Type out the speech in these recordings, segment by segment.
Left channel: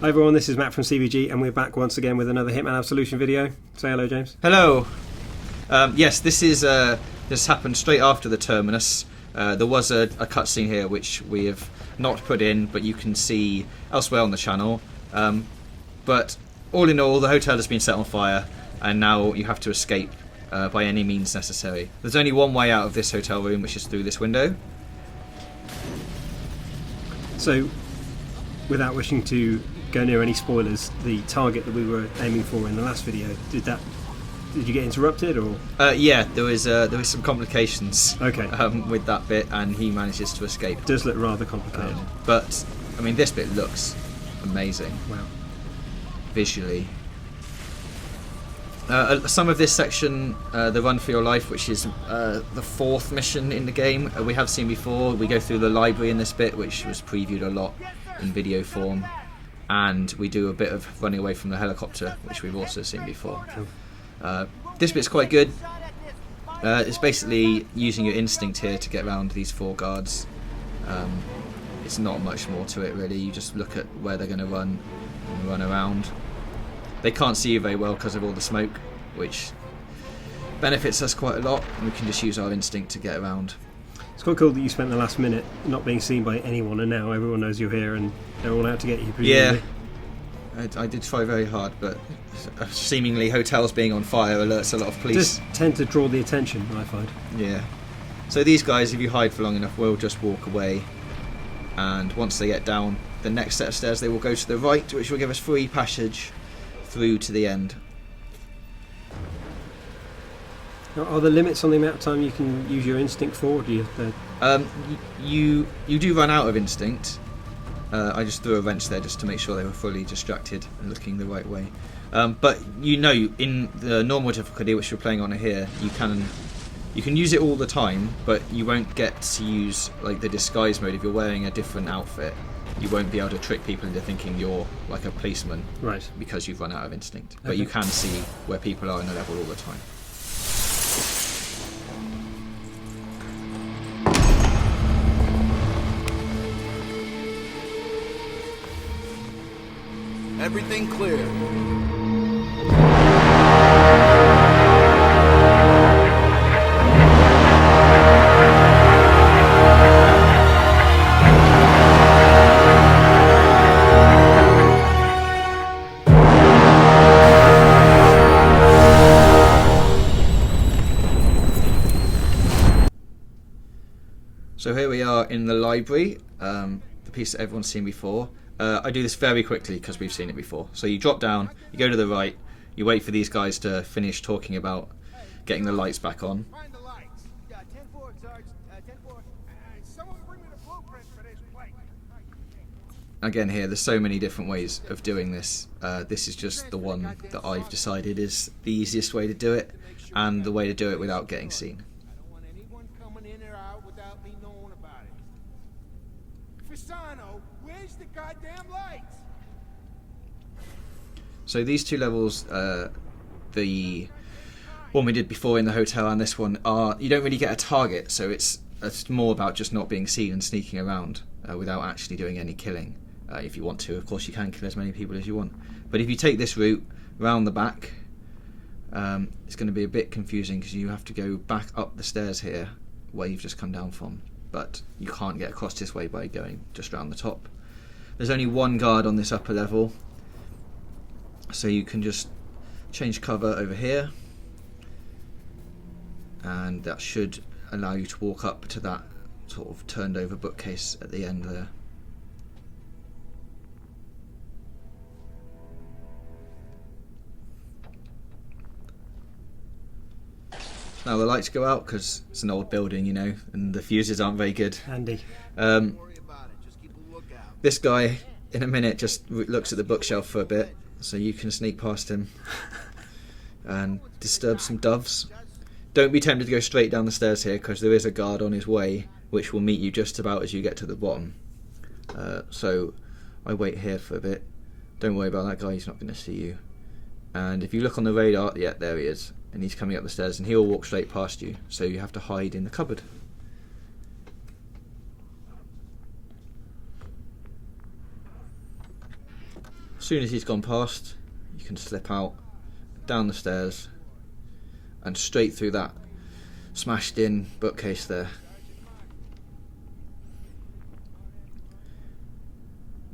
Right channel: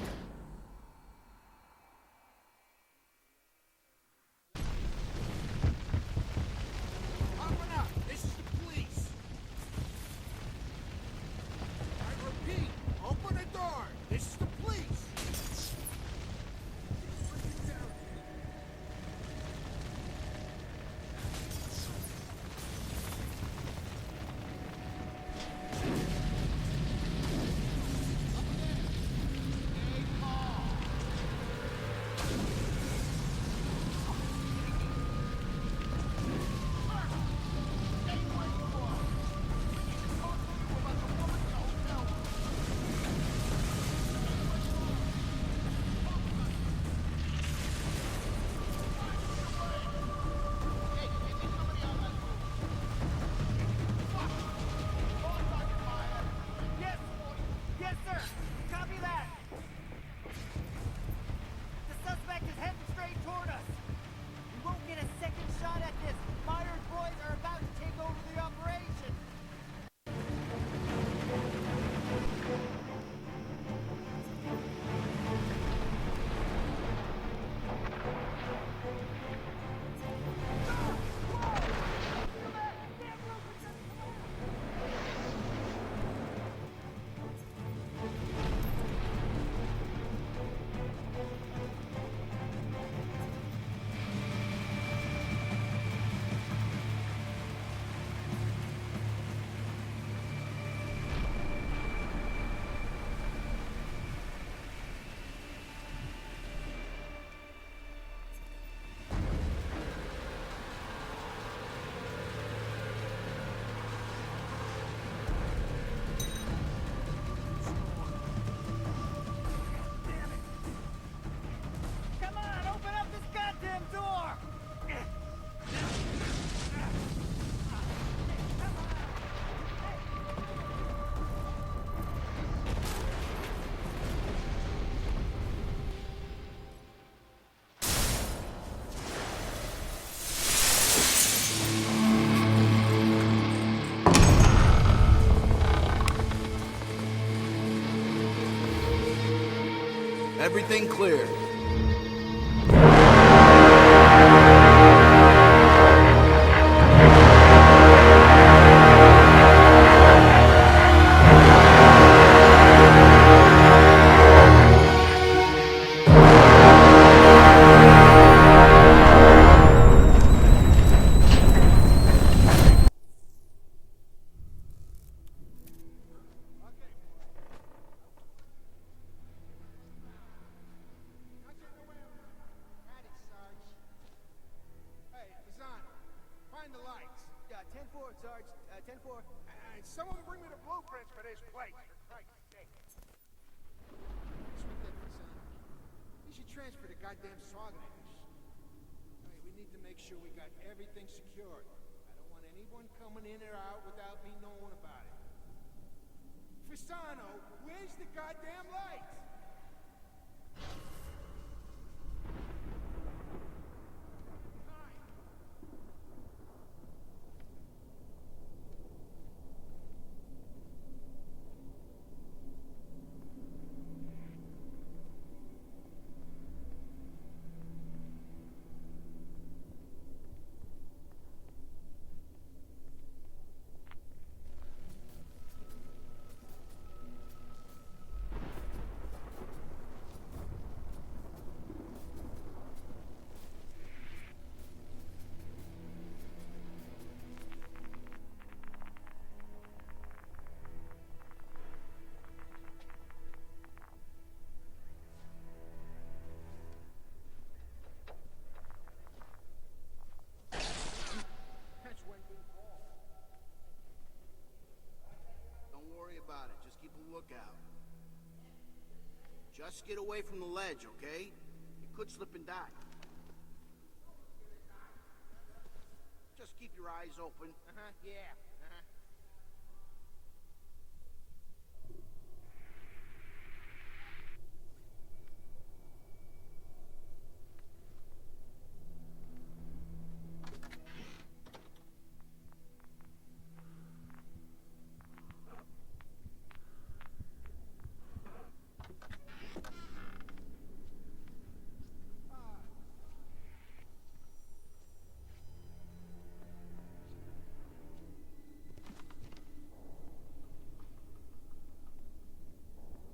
Hi everyone, this is Matt from CVG and we're back once again with another Hitman Absolution video. Say hello, James. Hello. Yes, this happened straight after the terminus. There was a cutscene here which we have not put in, but you can see elsewhere on the channel. But all in all, the hotel has been set on fire and now you have to escape by any means necessary. There's only one way out of this hotel room, which is through this window. So, without wishing to go near any spoilers, the target that we were aiming for in the last video, did you get interrupted or? Yeah, there was some complications. Okay. With that bit, and he manages to escape. It does look rather complicated. But I mean, this bit looks amazing. Wow. Visually. Some of this section, the Run for Your Life, which is the fourth mission in the game, we have seen before. We go through the library in this bit, which was previewed a lot in video form, and we do a bit of running away from the helicopter, which we've also seen before. This bit's quite good. It's basically using your instinct here to get around these four guards. It's not much more to it really. You just look at where they're going to run and run around. They can't see you very well because of all the smoke, which benefits us quite a lot, and we can just use our instinct to get around. It's quite cool that you spent the last minute not being seen by anyone, and now everyone knows you're here and they're all out to get you. Yeah, I did try very hard, but seemingly hotels being on fire alerts a lot of police. Just tend to draw the attention, I find. Yeah. So these guys, if you hide for long enough, will just walk away, and once they get down the next set of stairs, they will go to the right, which will give us free passage through to the end. Are there limits on the amount of time you can use your instinct for? Or do you? You do run out of instinct. I just threw a wrench there just to make sure they were fully distracted and looking the right way. But you know, in the normal difficulty, which you're playing on here, you can use it all the time, but you won't get to use like the disguise mode. If you're wearing a different outfit, you won't be able to trick people into thinking you're like a policeman, right? Because you've run out of instinct. But you can see where people are in the level all the time. Everything clear. So here we are in the library, the piece that everyone's seen before. I do this very quickly because we've seen it before. So you drop down, you go to the right, you wait for these guys to finish talking about getting the lights back on. Find the lights. 10-4, Sarge. 10-4. Someone bring me the blueprint for this place. Again here, there's so many different ways of doing this. This is just the one that I've decided is the easiest way to do it, and the way to do it without getting seen. I don't want anyone coming in or out without me knowing about it. Fasano, where's the goddamn lights? So these two levels, the one we did before in the hotel and this one, you don't really get a target, so it's more about just not being seen and sneaking around without actually doing any killing. If you want to, of course, you can kill as many people as you want. But if you take this route round the back, it's going to be a bit confusing because you have to go back up the stairs here where you've just come down from. But you can't get across this way by going just round the top. There's only one guard on this upper level, so you can just change cover over here, and that should allow you to walk up to that sort of turned over bookcase at the end there. Now the lights go out because it's an old building, you know, and the fuses aren't very good. Handy. Don't worry about it. Just keep a lookout. This guy, in a minute, just looks at the bookshelf for a bit, so you can sneak past him and disturb some doves. Don't be tempted to go straight down the stairs here because there is a guard on his way, which will meet you just about as you get to the bottom. So I wait here for a bit. Don't worry about that guy, he's not going to see you. And if you look on the radar, yeah, there he is. And he's coming up the stairs, and he'll walk straight past you, so you have to hide in the cupboard. As soon as he's gone past, you can slip out, down the stairs, and straight through that smashed in bookcase there.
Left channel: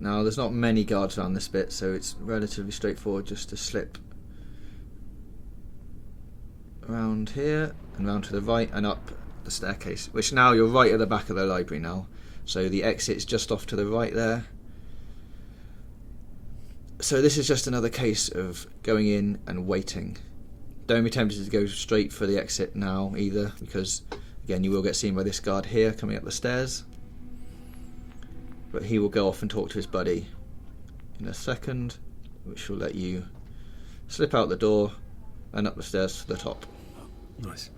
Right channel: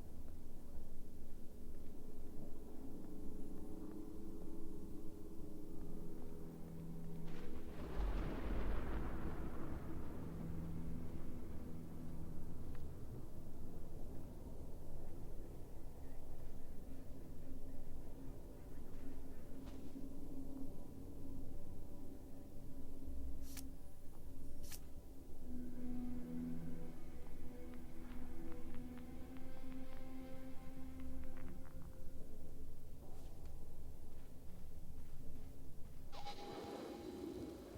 Now there's not many guards around this bit, so it's relatively straightforward just to slip around here and round to the right and up the staircase, which now you're right at the back of the library now, so the exit's just off to the right there. So this is just another case of going in and waiting. Don't be tempted to go straight for the exit now either, because again you will get seen by this guard here coming up the stairs, but he will go off and talk to his buddy in a second, which will let you slip out the door and up the stairs to the top. Nice.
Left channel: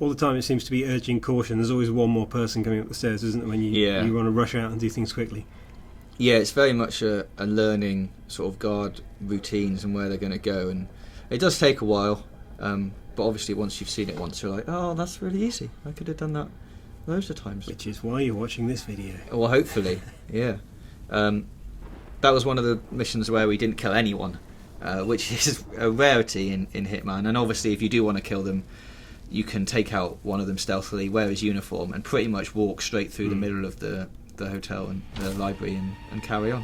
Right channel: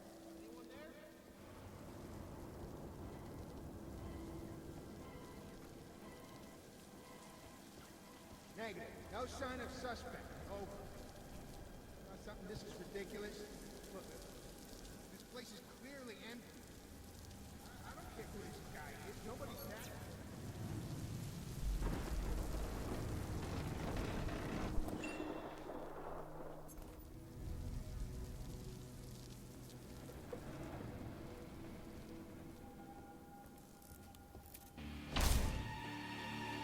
All the time it seems to be urging caution. There's always one more person coming up the stairs, isn't there, when you want to rush out and do things quickly. Yeah, it's very much a learning sort of guard routines and where they're going to go, and it does take a while, but obviously once you've seen it once you're like, oh, that's really easy, I could have done that loads of times. Which is why you're watching this video. Well, hopefully, yeah. That was one of the missions where we didn't kill anyone, which is a rarity in Hitman, and obviously if you do want to kill them, you can take out one of them stealthily, wear his uniform, and pretty much walk straight through the middle of the hotel and the library and carry on.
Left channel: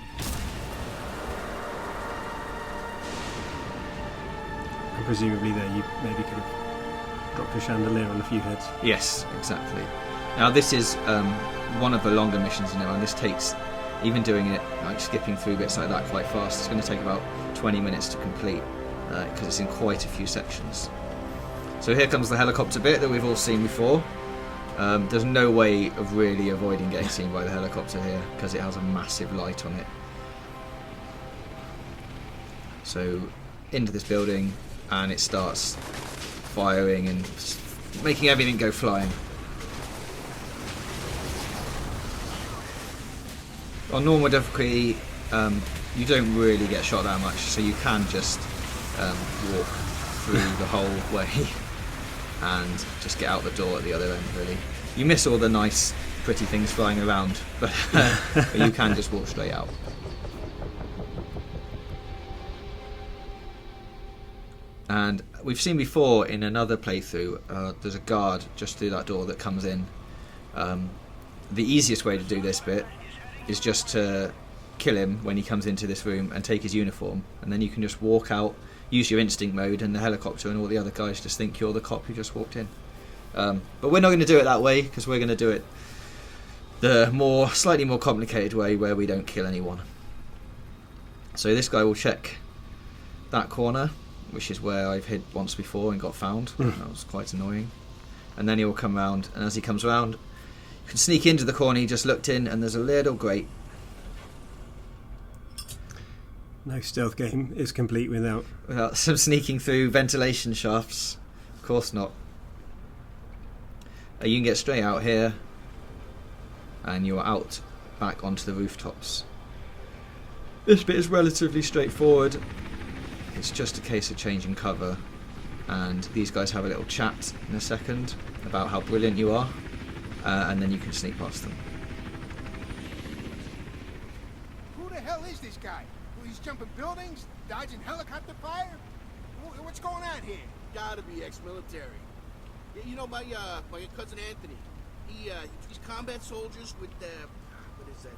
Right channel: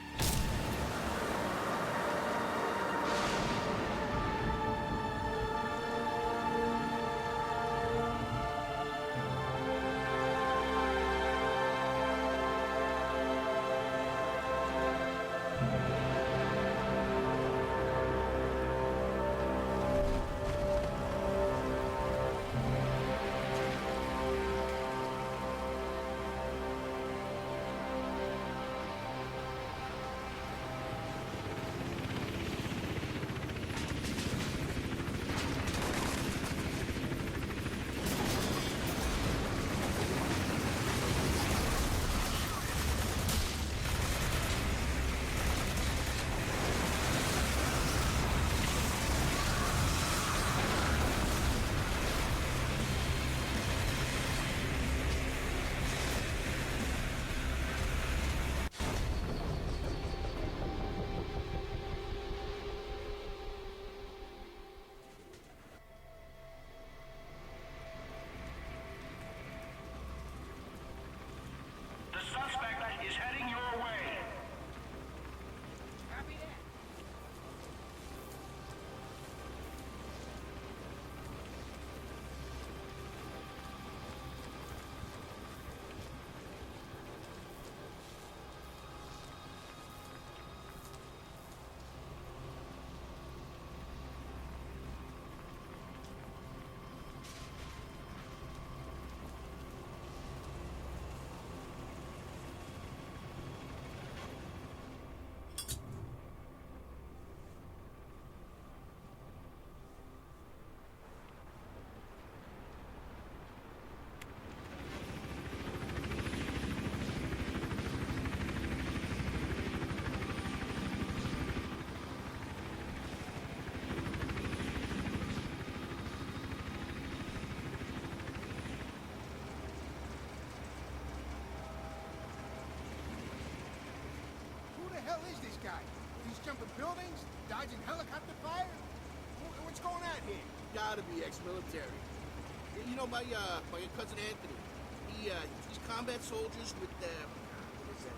And presumably there you maybe could have dropped a chandelier on a few heads. Yes, exactly. Now this is one of the longer missions, and this takes, even doing it, like skipping through bits like that quite fast, it's going to take about 20 minutes to complete, because it's in quite a few sections. So here comes the helicopter bit that we've all seen before. There's no way of really avoiding getting seen by the helicopter here, because it has a massive light on it. So into this building, and it starts firing and just making everything go flying. On normal difficulty, you don't really get shot that much, so you can just walk through the whole way and just get out the door at the other end, really. You miss all the nice, pretty things flying around, but you can just walk straight out. And we've seen before in another playthrough, there's a guard just through that door that comes in. The easiest way to do this bit is just to kill him when he comes into this room and take his uniform, and then you can just walk out, use your instinct mode, and the helicopter and all the other guys just think you're the cop who just walked in. But we're not going to do it that way, because we're going to do it the slightly more complicated way, where we don't kill anyone. So this guy will check that corner, which is where I've hid once before and got found. That was quite annoying. And then he will come round, and as he comes round, you can sneak into the corner he just looked in, and there's a little grate. No stealth game is complete without some sneaking through ventilation shafts. Of course not. You can get straight out here, and you're out back onto the rooftops. This bit is relatively straightforward. It's just a case of changing cover, and these guys have a little chat in a second about how brilliant you are, and then you can sneak past them. Who the hell is this guy? He's jumping buildings, dodging helicopter fire? What's going on here? Gotta be ex-military. You know, my cousin Anthony, he's combat soldiers with what is that?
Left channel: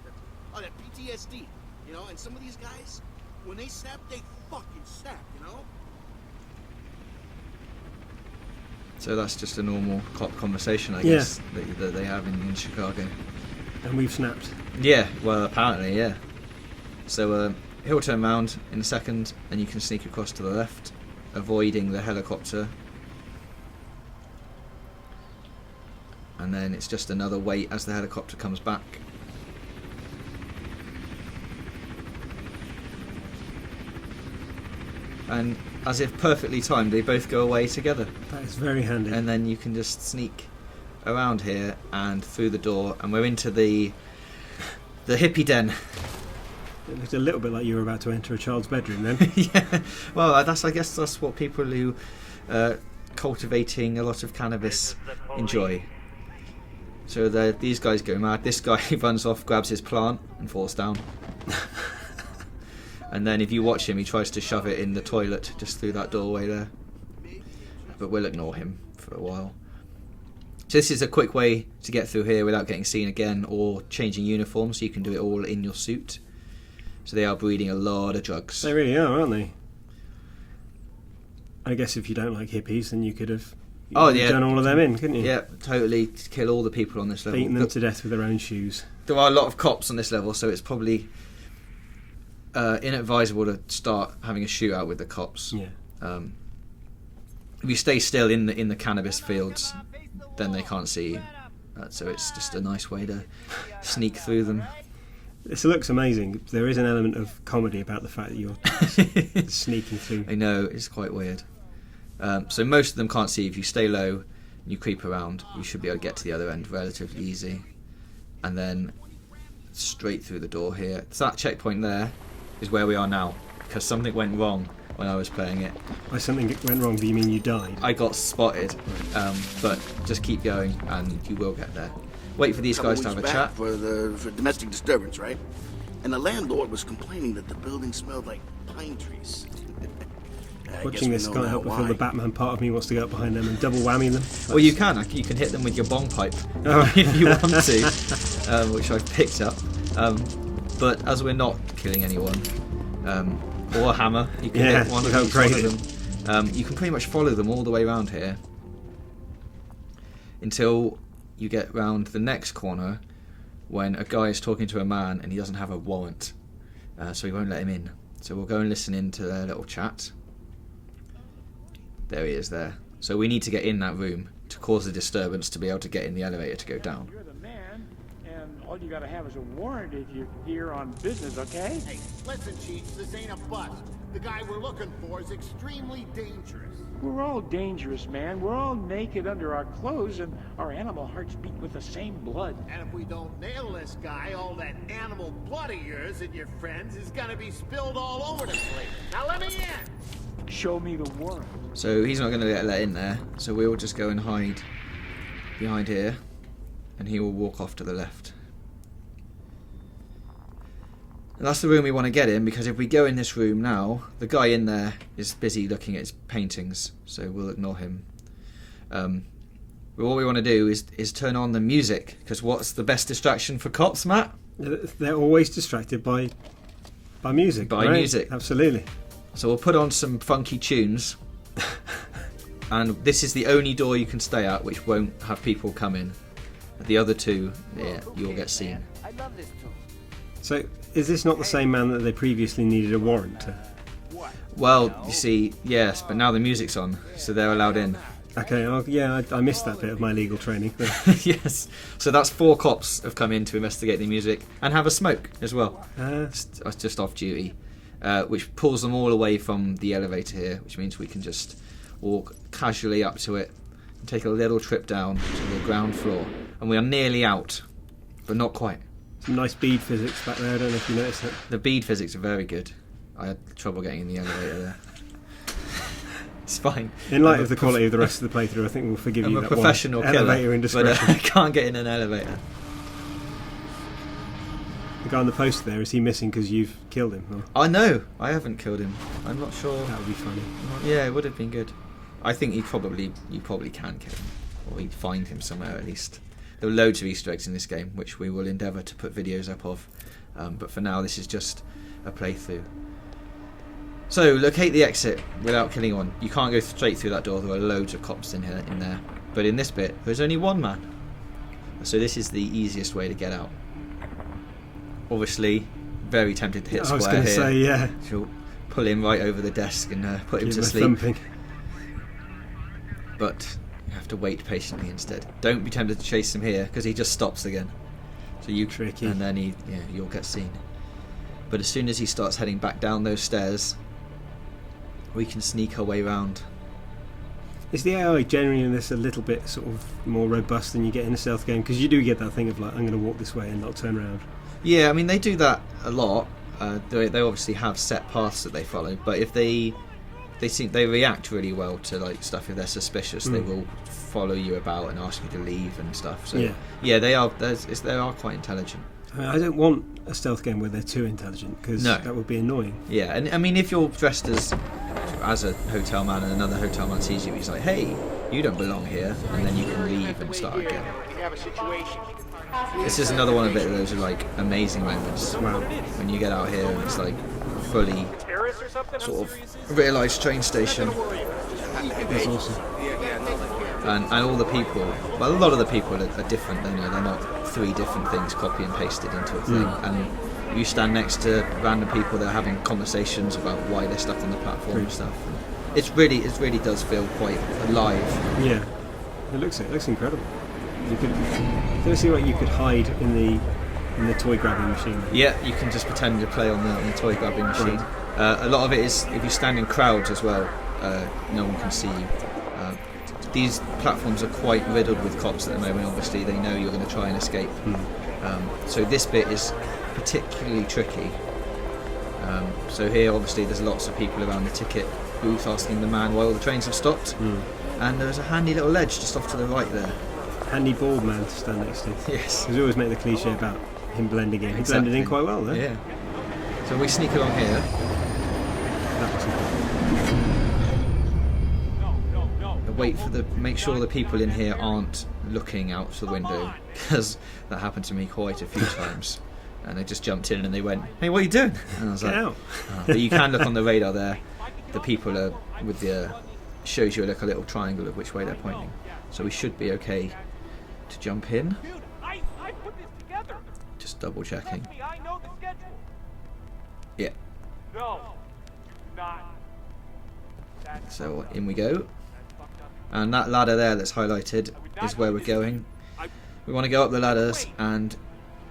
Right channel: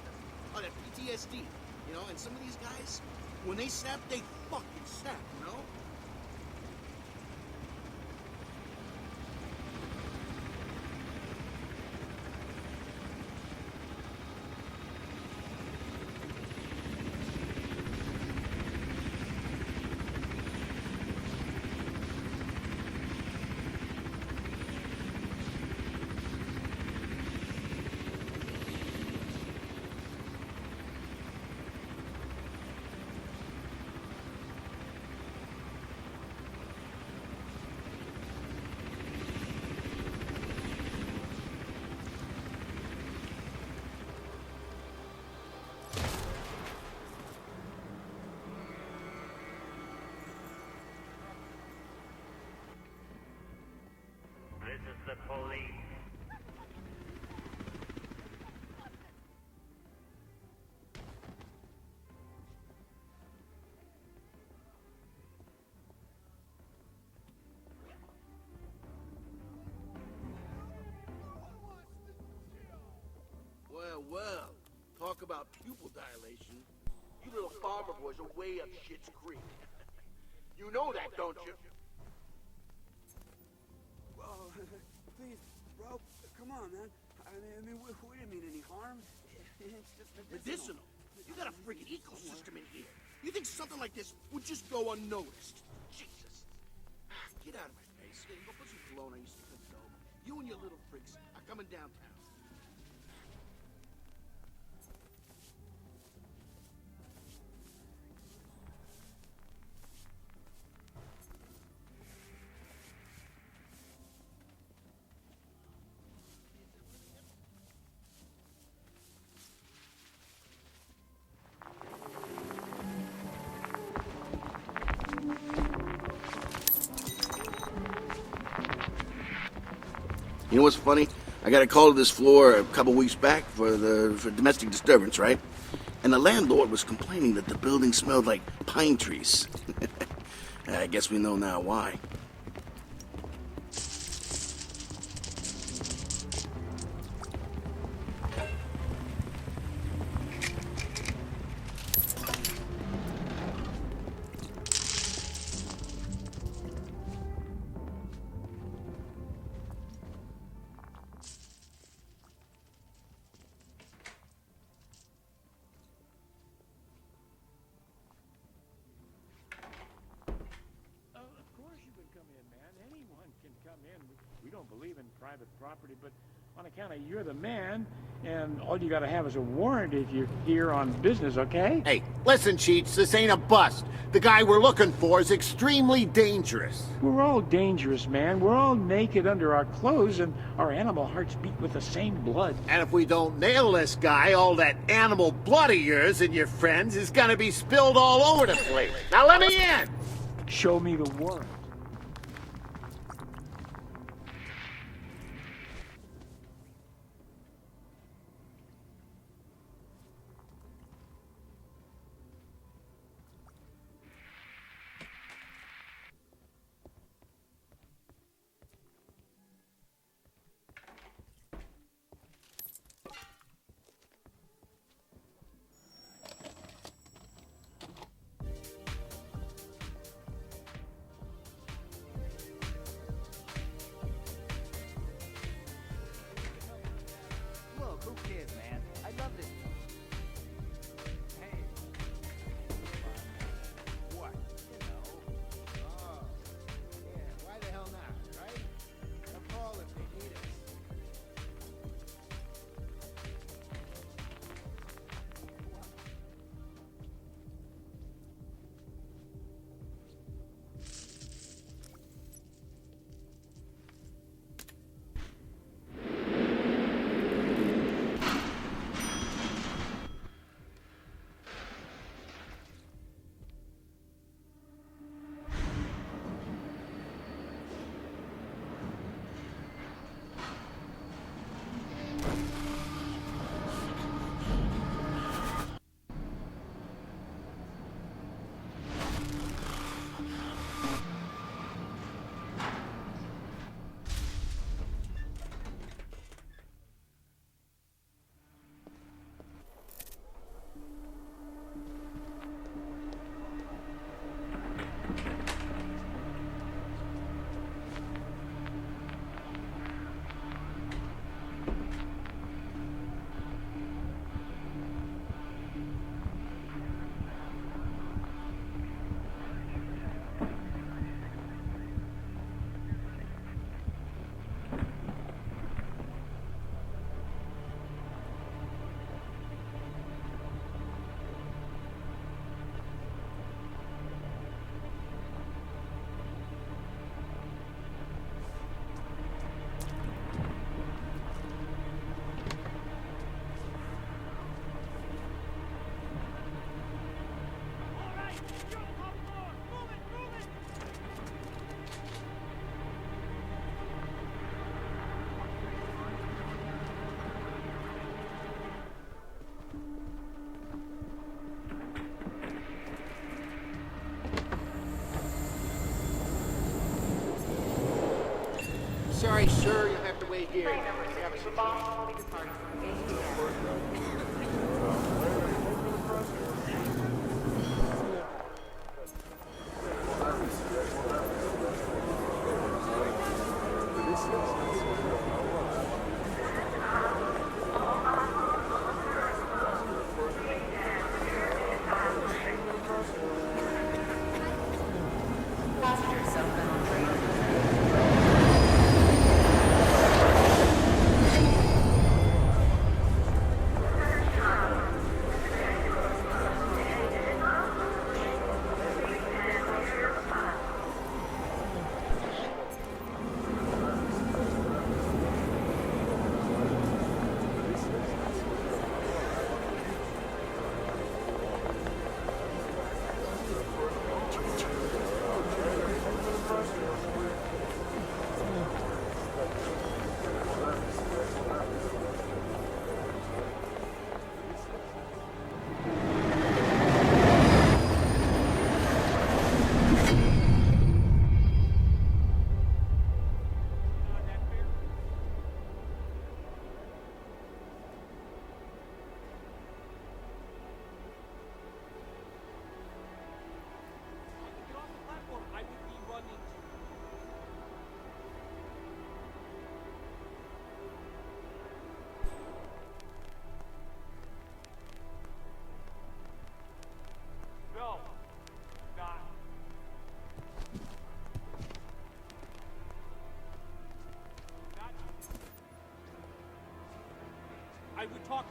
Oh, that PTSD. You know, and some of these guys, when they snap, they fucking snap. You know. So that's just a normal cop conversation, I guess, that they have in Chicago. and we've snapped. Yeah, well, apparently, yeah. So he'll turn around in a second, and you can sneak across to the left, avoiding the helicopter. And then it's just another wait as the helicopter comes back. And as if perfectly timed, they both go away together. That's very handy. And then you can just sneak around here and through the door, and we're into the hippie den. It was a little bit like you were about to enter a child's bedroom then. Yeah, well, I guess that's what people who cultivating a lot of cannabis enjoy. So these guys go mad. This guy runs off, grabs his plant, and falls down. And then if you watch him, he tries to shove it in the toilet just through that doorway there. But we'll ignore him for a while. So this is a quick way to get through here without getting seen again or changing uniforms. So you can do it all in your suit. So they are breeding a lot of drugs. They really are, aren't they? You know that, don't you? I guess if you don't like hippies, then you could have Yeah, done all of them in, couldn't you? Yeah, totally kill all the people on this level. Beating them to death with their own shoes. There are a lot of cops on this level, so it's probably inadvisable to start having a shootout with the cops. Yeah. If you stay still in the cannabis fields, then they can't see you. So it's just a nice way to sneak through them. This looks amazing. There is an element of comedy about the fact that you're sneaking through. I know, it's quite weird. So most of them can't see. If you stay low and you creep around, you should be able to get to the other end relatively easy. And then straight through the door here. So that checkpoint there is where we are now, because something went wrong when I was playing it. By something went wrong, do you mean you died? I got spotted, but just keep going. You know what's funny? and you will. I got a call to this Wait floor for a these couple guys to weeks have a back chat. for domestic disturbance, right? And the landlord was complaining that the building smelled like pine trees. I guess Watching we this know guy now up before why. The Batman part of me wants to go up behind them and double whammy them. Well, you can hit them with your bong pipe Oh. if you want to, which I've picked up. But as we're not killing anyone, or a hammer, you can hit one without of one grading. of them. You can pretty much follow them all the way around here until you get round the next corner when a guy is talking to a man and he doesn't have a warrant, so he won't let him in. So we'll go and listen in to their little chat. There he is there. So we need to get in that room to cause a disturbance to be able to get in the elevator to go down. You're the man, and all you gotta have is a warrant if you're here on business, okay? Hey, listen, Cheats, this ain't a bust. The guy we're looking for is extremely dangerous. We're all dangerous, man. We're all naked under our clothes, and our animal hearts beat with the same blood. And if we don't nail this guy, all that animal blood of yours and your friends is gonna be spilled all over the place. Now let me in! Show me the warrant. So he's not going to get let in there, so we'll just go and hide behind here, and he will walk off to the left. And that's the room we want to get in, because if we go in this room now, the guy in there is busy looking at his paintings, so we'll ignore him. But what we want to do is turn on the music, because what's the best distraction for cops, Matt? They're always distracted by music. By right? music. Absolutely. So we'll put on some funky tunes, and this is the only door you can stay at which won't have people come in. The other two, yeah, you'll get seen. I love this tune. So, is this not the same man that they previously needed a warrant to? Well, you see, yes, but now the music's on, so they're allowed in. Okay, I missed that bit of my legal training. Yes, so that's 4 cops have come in to investigate the music and have a smoke as well. Just off duty, which pulls them all away from the elevator here, which means we can just walk casually up to it and take a little trip down to the ground floor. And we are nearly out, but not quite. Nice bead physics back there, I don't know if you noticed that. The bead physics are very good. I had trouble getting in the elevator there. It's fine. In light of the quality of the rest of the playthrough, I think we'll forgive I'm you a that professional one killer, elevator but indiscretion. I can't get in an elevator. The guy on the poster there, is he missing because you've killed him? Or? I know, I haven't killed him. I'm not sure. That would be funny. Yeah, it would have been good. I think you probably can kill him, or you'd find him somewhere at least. There are loads of Easter eggs in this game, which we will endeavour to put videos up of. But for now, this is just a playthrough. So, locate the exit without killing anyone. You can't go straight through that door. There are loads of cops in there. But in this bit, there's only one man. So this is the easiest way to get out. Obviously, very tempted to hit I was square going to here. say, yeah. She'll pull him right over the desk and put him Give to him a sleep. thumping. But you have to wait patiently instead. Don't be tempted to chase him here, because he just stops again. So you Tricky. and then you'll get seen. But as soon as he starts heading back down those stairs, we can sneak our way round. Is the AI generally in this a little bit sort of more robust than you get in a stealth game? Because you do get that thing of like, I'm going to walk this way and not turn around. Yeah, I mean they do that a lot. They obviously have set paths that they follow, but if they react really well to like stuff. If they're suspicious, they will follow you about and ask you to leave and stuff. So yeah, they are quite intelligent. I don't want a stealth game where they're too intelligent, because No. that would be annoying. Yeah, and I mean, if you're dressed as a hotel man and another hotel man sees you, he's like, hey, you don't belong here. Sorry, and you sir, can you leave have to and wait start here. again. We have a situation. This is another one of those like amazing weapons. When you get out here, it's like fully sort of realised train station. That's awesome. And all the people, well, a lot of the people are different, you know, they're not 3 different things copy and pasted into a thing. And you stand next to random people that are having conversations about why they're stuck on the platform and stuff. It really does feel quite live. Let's see what you could hide in the toy grabbing machine. Yeah, you can just pretend to play on the toy grabbing machine. A lot of it is if you stand in crowds as well, no one can see you. These platforms are quite riddled with cops at the moment. Obviously, they know you're going to try and escape. So this bit is particularly tricky. So here, obviously, there's lots of people around the ticket booth asking the man why all the trains have stopped. And there's a handy little ledge just off to the right there. Handy bald man to stand next to. Yes. Because we always make the cliche about him blending in. He blended in quite well there. Yeah. So we sneak along here. Make sure the people in here aren't looking out the window, because that happened to me quite a few times. And they just jumped in and they went, "Hey, what are you doing?" And I was like, out. But you can look on the radar there. The people are with the shows you like a little triangle of which way they're pointing. So we should be okay to jump in. Just double checking. Yeah. So in we go. And that ladder there that's highlighted is where we're going. We want to go up the ladders and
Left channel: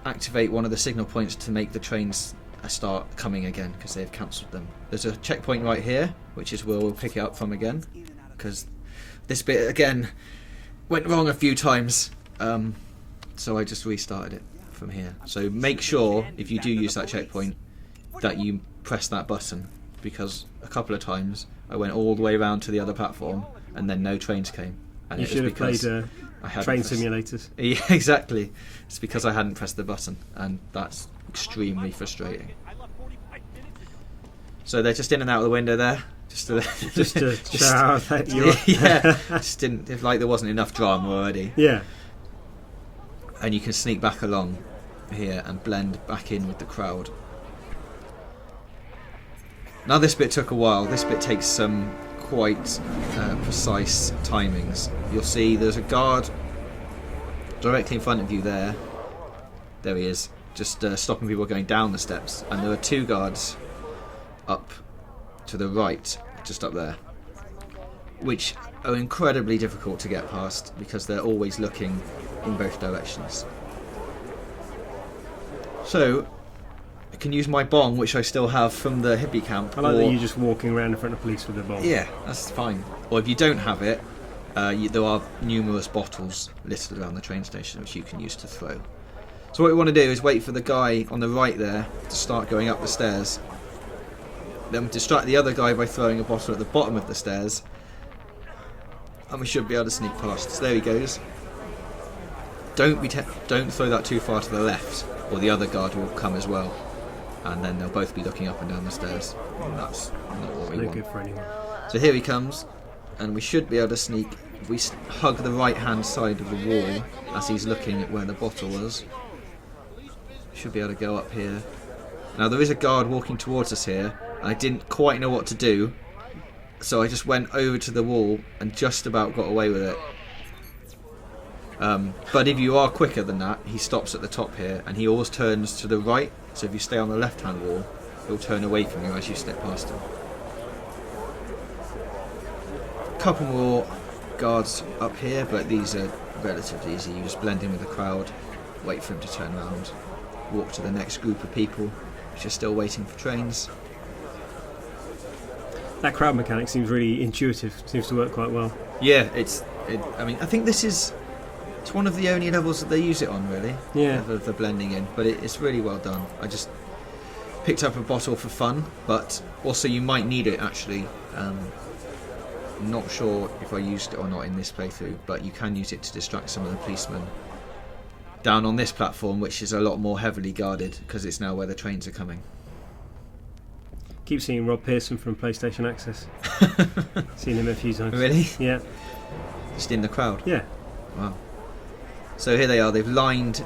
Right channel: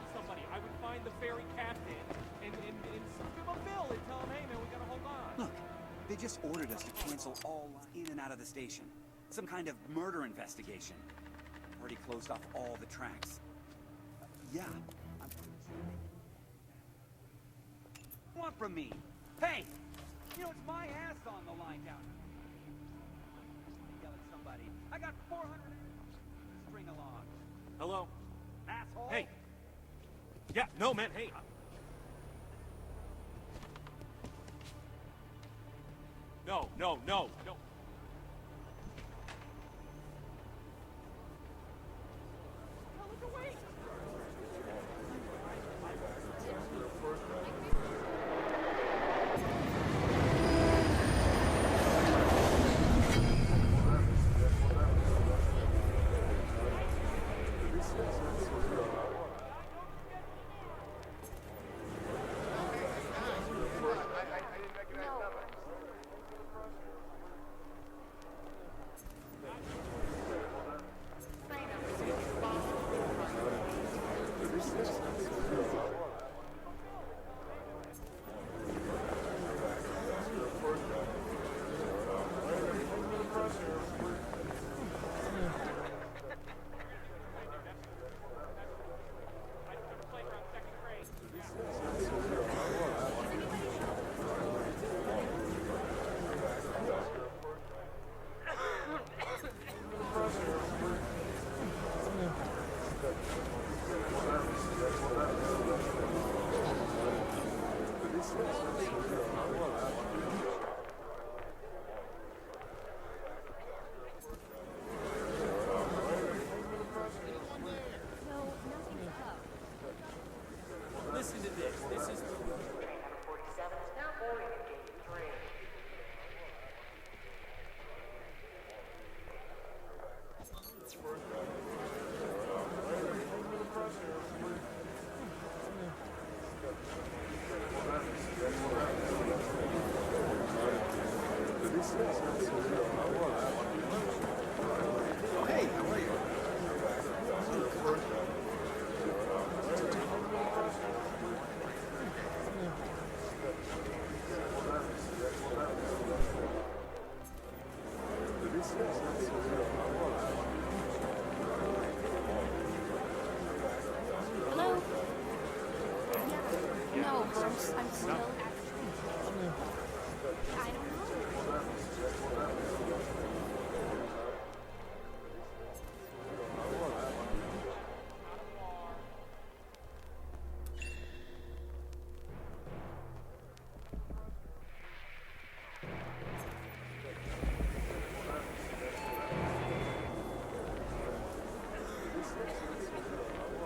activate one of the signal points to make the trains start coming again, because they've cancelled them. There's a checkpoint right here, which is where we'll pick it up from again, because this bit again went wrong a few times. So I just restarted it from here. So make sure if you do use that checkpoint that you press that button, because a couple of times I went all the way around to the other platform and then no trains came. And You it was should have because played I hadn't train pressed- simulators. Yeah, exactly. It's because I hadn't pressed the button, and that's extremely frustrating. So they're just in and out of the window there, just to show how that you're. yeah, just didn't. It's like there wasn't enough drama already. Yeah. And you can sneak back along here and blend back in with the crowd. Now this bit took a while. This bit takes some quite precise timings. You'll see there's a guard directly in front of you there. There he is, just stopping people going down the steps. And there are 2 guards up to the right, just up there, which are incredibly difficult to get past because they're always looking in both directions. So I can use my bong, which I still have from the hippie camp. I like or- that you're just walking around in front of police with a bomb. Yeah, that's fine. Or if you don't have it, there are numerous bottles listed around the train station which you can use to throw. So what we want to do is wait for the guy on the right there to start going up the stairs. Then distract the other guy by throwing a bottle at the bottom of the stairs. And we should be able to sneak past. So there he goes. Don't throw that too far to the left, or the other guard will come as well. And then they'll both be looking up and down the stairs. That's not what we No want. good for anyone. So here he comes, and we should be able to sneak. If we hug the right hand side of the wall as he's looking at where the bottle was, we should be able to go up here. Now there is a guard walking towards us here, and I didn't quite know what to do, so I just went over to the wall and just about got away with it. But if you are quicker than that, he stops at the top here, and he always turns to the right. So if you stay on the left-hand wall, he'll turn away from you as you step past him. A couple more guards up here, but these are relatively easy. You just blend in with the crowd, wait for him to turn around, walk to the next group of people which are still waiting for trains. That crowd mechanic seems really intuitive. Seems to work quite well. Yeah, I mean, I think it's one of the only levels that they use it on, really. Yeah. The blending in, but it's really well done. I just picked up a bottle for fun, but also you might need it actually. I'm not sure if I used it or not in this playthrough, but you can use it to distract some of the policemen. down on this platform, which is a lot more heavily guarded because it's now where the trains are coming. Keep seeing Rob Pearson from PlayStation Access. Seen him a few times. Really? Yeah. Just in the crowd. Yeah. Wow. So here they are. They've lined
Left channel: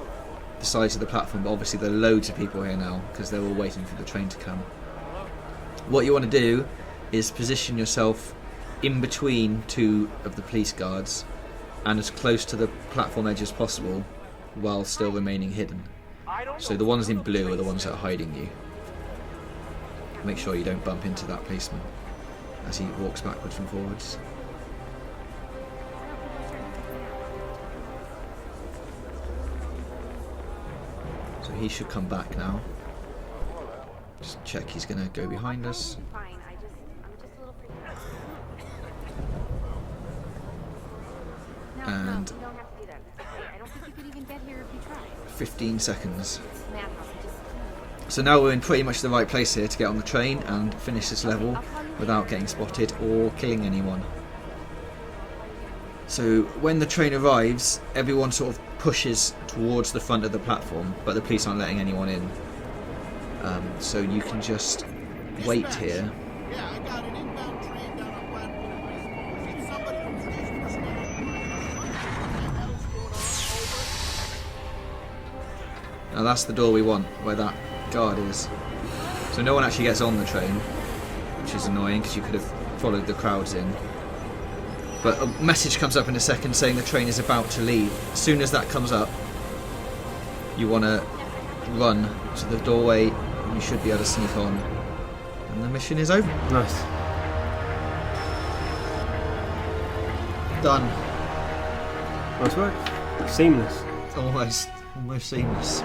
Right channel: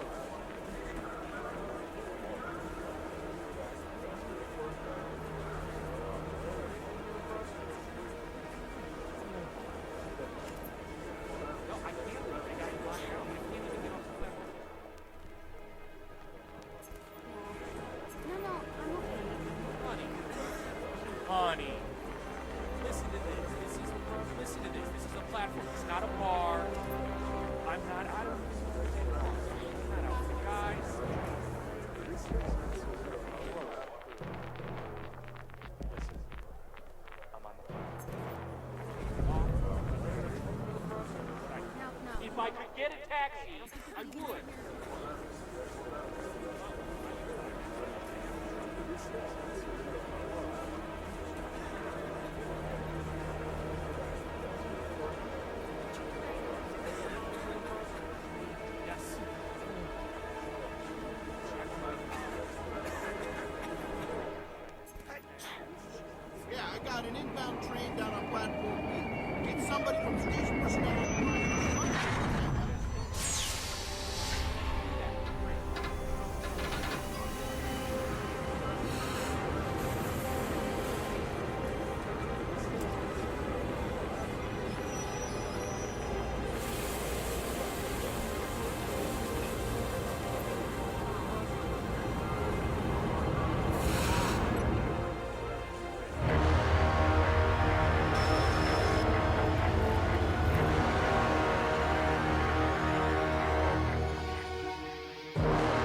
the sides of the platform, but obviously there are loads of people here now because they're all waiting for the train to come. What you want to do is position yourself in between two of the police guards and as close to the platform edge as possible while still remaining hidden. So the ones in blue are the ones that are hiding you. Make sure you don't bump into that policeman as he walks backwards and forwards. So he should come back now. Just check he's going to go behind us. And 15 seconds. So now we're in pretty much the right place here to get on the train and finish this level without getting spotted or killing anyone. So when the train arrives, everyone sort of pushes towards the front of the platform, but the police aren't letting anyone in. So you can just wait here. Yeah, I got an inbound train down on platform B. Get somebody from station personnel. Now that's the door we want, where that guard is. So no one actually gets on the train, which is annoying because you could have followed the crowds in. But a message comes up in a second saying the train is about to leave. As soon as that comes up, you want to run to the doorway. You should be able to sneak on, and the mission is over. Nice. Done. Nice work. Seamless. Almost seamless.